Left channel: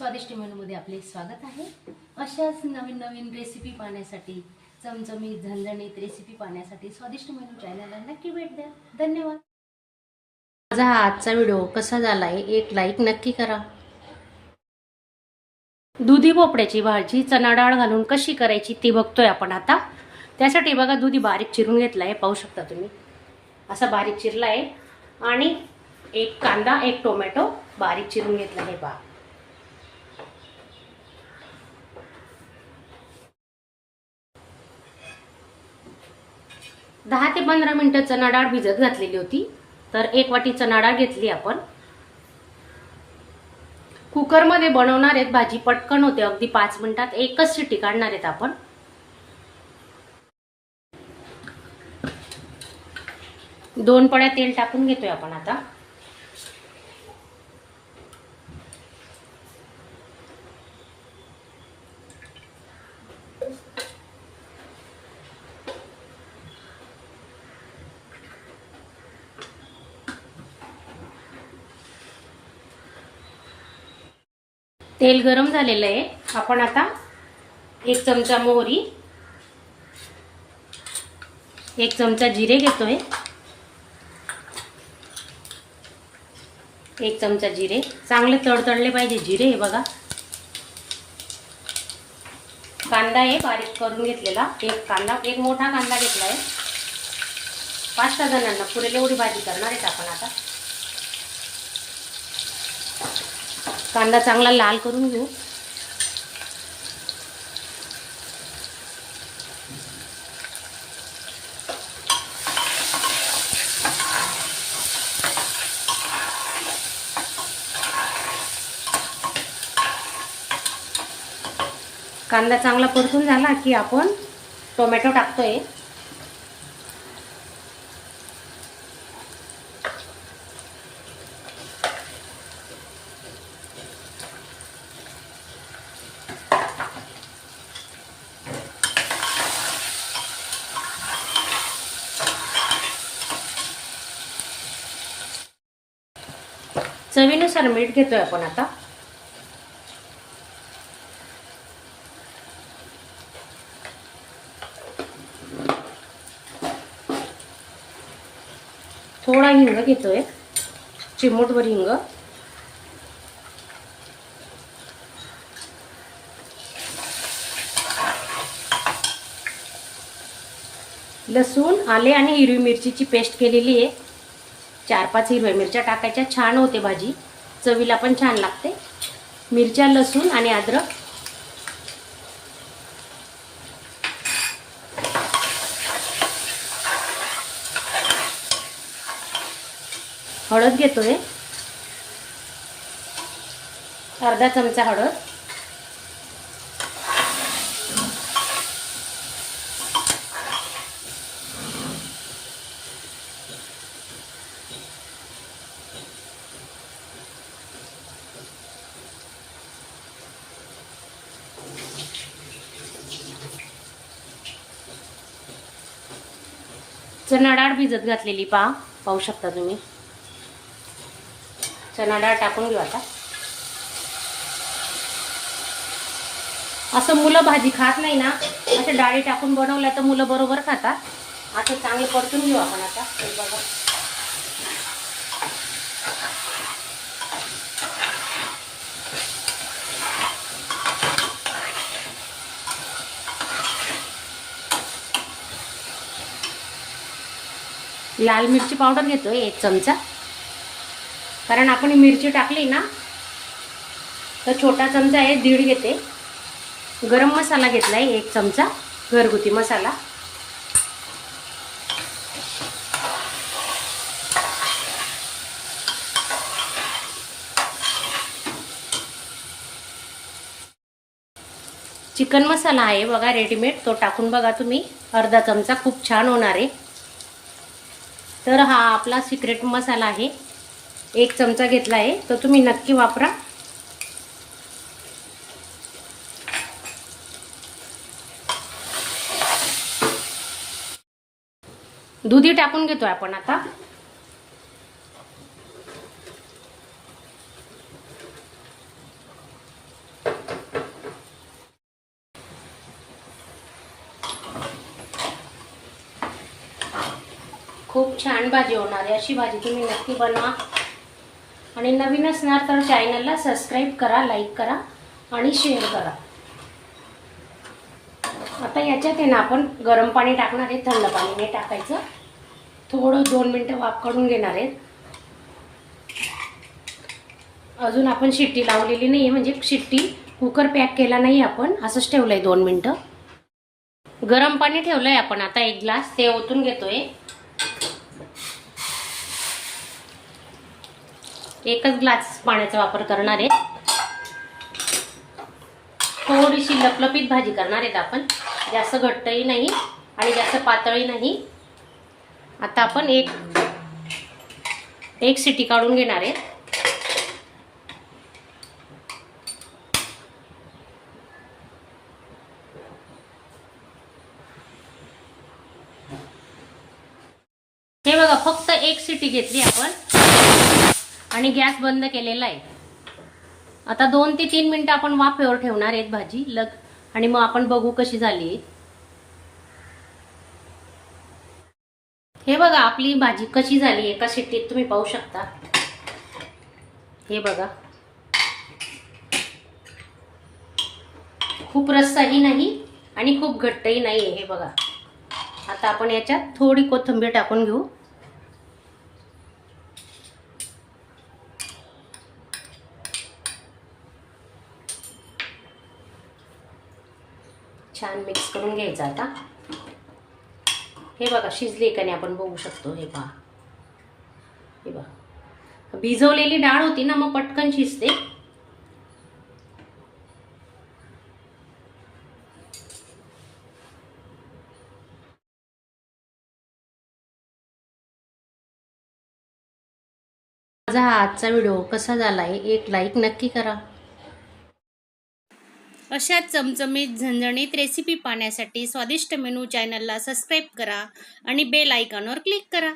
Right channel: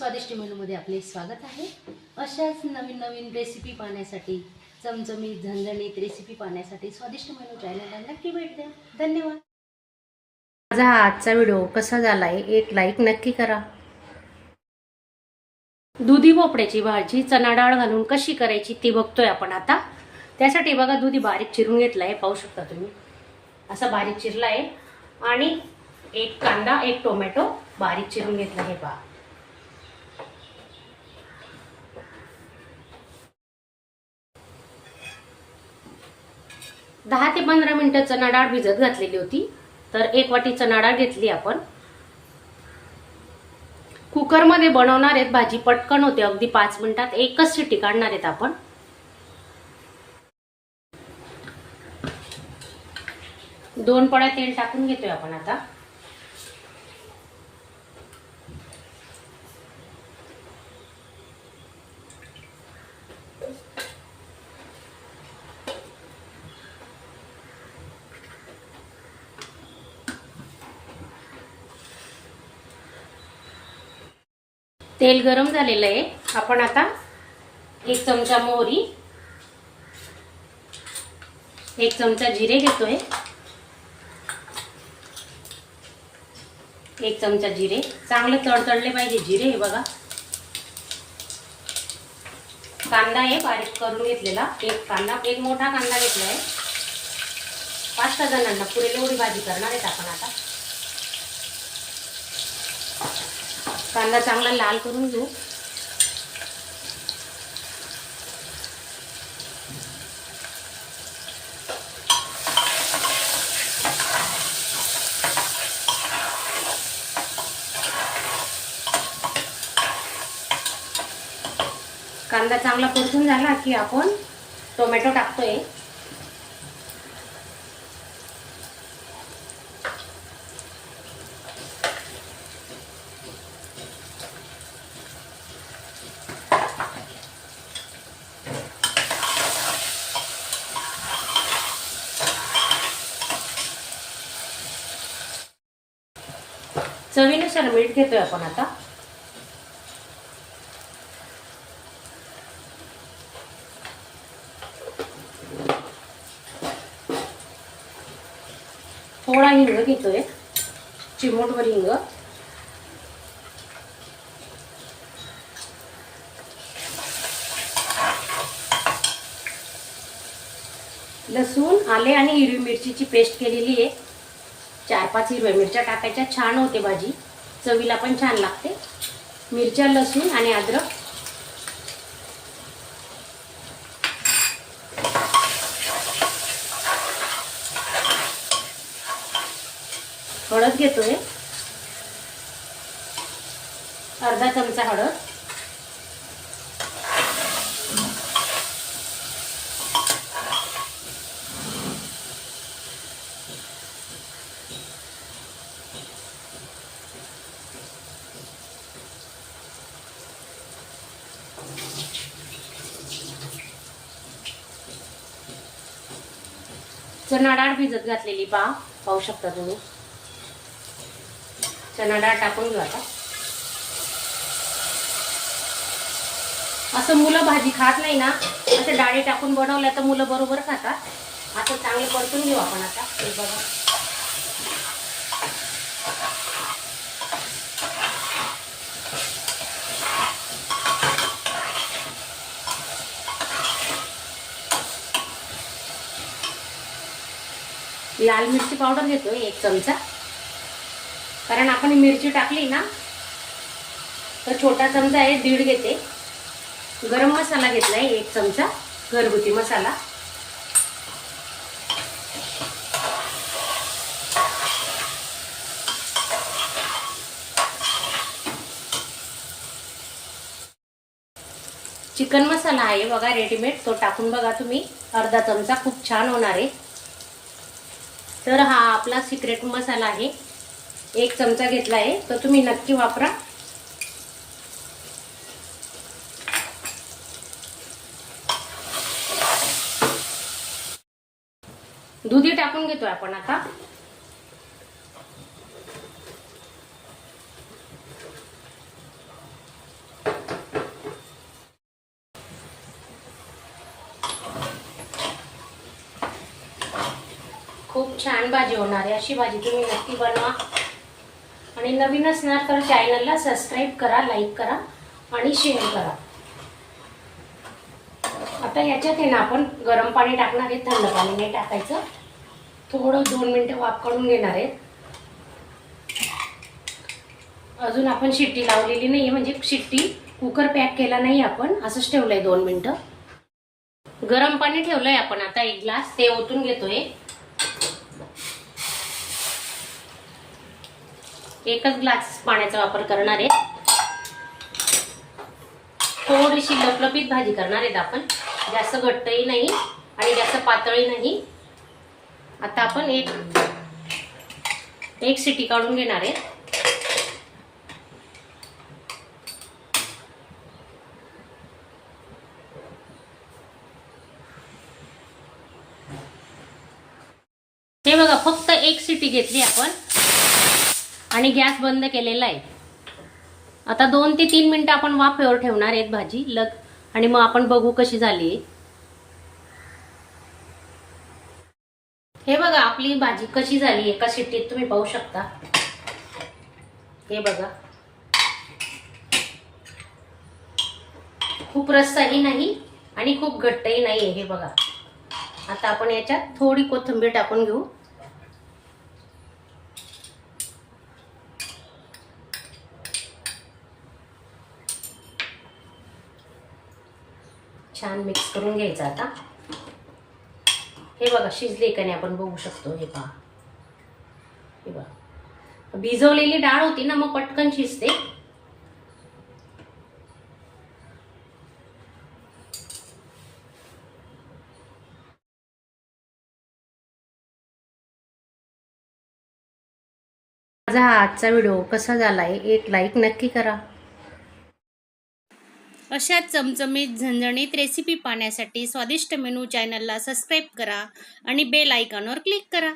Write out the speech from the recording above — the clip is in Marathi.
स्वादिष्ट मेनूमध्ये आपले स्वागत आहे। अशाच नवीन नवीन रेसिपी पाहण्यासाठी, चमचमीत झणझणीत रेसिपी पाहण्यासाठी स्वादिष्ट मेनू चॅनलला नक्की भेट द्या। धन्यवाद। माझा आजचा व्हिडिओ कसा झालाय एक लाईक नक्की करा। दुधी भोपळ्याची भाजी चणा डाळ घालून कशी करायची ती बघतोय आपण आता। त्यासाठी बघा दुधी बारीक चिरून घेतलाय, पाहू शकता तुम्ही असा बारीक चिरलाय आणि एक कांदा एक टोमॅटो बारीक चिरून घेतला आहे पहा। 10 ते 15 मिनिटं चणा डाळ भिजत घातलेली होती। तर 1 वाटी चणा डाळ घेतली आपण। कुकर मध्ये बनवणार आहेत भाजी, पटकन होते, अगदी 5 मिनिटात एकच शिट्टी काढणार आहेत आपण। दोन पळ्या तेल टाकून घेतोय आपण आता। तेल गरम झालेलं आहे। आपण आता 1 चमचा मोहरी, 1 चमचा जिरे घेतोय, 1 चमचा जिरे चांगले तडतडले पाहिजे जिरे। हे बघा, कांदा आहे बारीक करून घेतलेला, एक मोठा कांदा घेतलाय। 5-6 जणांना पुरेल एवढी भाजी करणार आहेत आपण आता। कांदा चांगला लाल करून घेऊ। कांदा चांगला परतून झाला की आपण टोमॅटो टाकतोय। चवीनुसार मीठ घेतोय आपण आता। थोडा हिंग घेतोय, चिमूटभर हिंग। लसूण, आले आणि हिरवी मिरचीची पेस्ट केलेली आहे। 4-5 हिरव्या मिरच्या टाकायच्या, छान होते भाजी, चवीला पण छान लागते। मिरच्या, लसूण आणि अद्रक। हळद घेतोय, अर्धा चमचा हळद। चणा डाळ भिजत घातलेली पाहू शकता तुम्ही। चणा डाळ टाकून घेऊ आता। असं मुलं भाजी खात नाही ना, असं डाळी टाकून बनवलं तर मुलं बरोबर खातात। असं चांगले परतून घेऊ आपण आता। लाल मिरची पावडर घेतोय 1 चमचा, कारण आपण मिरची टाकली ना तर छोटा चमचा आहे 1.5 घेते। गरम मसाला घेतलाय 1 चमचा, घरगुती मसाला। चिकन मसाला आहे बघा रेडीमेड, तो टाकून बघा तुम्ही, अर्धा चमचा, खूप छान होणार आहे। तर हा आपला सिक्रेट मसाला आहे, 1 चमचा घेतला आहे, तो तुम्ही नक्की वापरा। दुधी टाकून घेतोय आपण आता। खूप छान भाजी होणार आहे. अशी भाजी तुम्ही नक्की बनवा. आणि नवीन असणार तर चॅनलला सबस्क्राईब करा, लाईक करा आणि शेअर करा. आता याच्यात आहे ना आपण गरम पाणी टाकणार आहे, थंड पाणी नाही टाकायचं. थोडं 2 मिनिटं वाफ काढून घेणार आहे. अजून आपण शिट्टी लावलेली नाही, म्हणजे शिट्टी कुकर पॅक केला नाही आपण, असंच ठेवलंय 2 मिनिटं. गरम पाणी ठेवलंय आपण. आता 1 ग्लास ते ओतून घेतोय. एकच ग्लास पाण्याचा वापर करणार आहे. थोडीशी लपलपीत भाजी करणार आहेत आपण, जास्त घट्टही नाही आणि जास्त पातळही नाही. आता आपण एक शिटी काढून घेणार आहे. हे बघा, फक्त 1 शिटी घेतली आपण आणि गॅस बंद केलेला आहे. आता 2 ते 3 मिनिटं आपण वाफेवर ठेवणार आहेत भाजी आणि मग आपण बघू कशी झाली. हे बघा आपली भाजी कशी झाली, एका शिट्टीत तुम्ही पाहू शकता. हे बघा, खूप रस्साही नाही आणि खूप घट्टही नाही. हे बघा, आता आपण याच्यात थोडी कोथिंबीर टाकून घेऊ. छान मिक्स करून घ्यायचं. आता हे बघा शिजले का नाही आपण बघू शकतो. हे पहा, हे बघा, भिजवलेली डाळ होती ना, मग पटकन शिजते. माझा हा आजचा व्हिडिओ कसा झालाय, एक लाईक नक्की करा. अशाच चमचमीत झणझणीत रेसिपी पाहण्यासाठी स्वादिष्ट मेनू चॅनलला सबस्क्राईब करा आणि बेल आयकॉनवर क्लिक करा.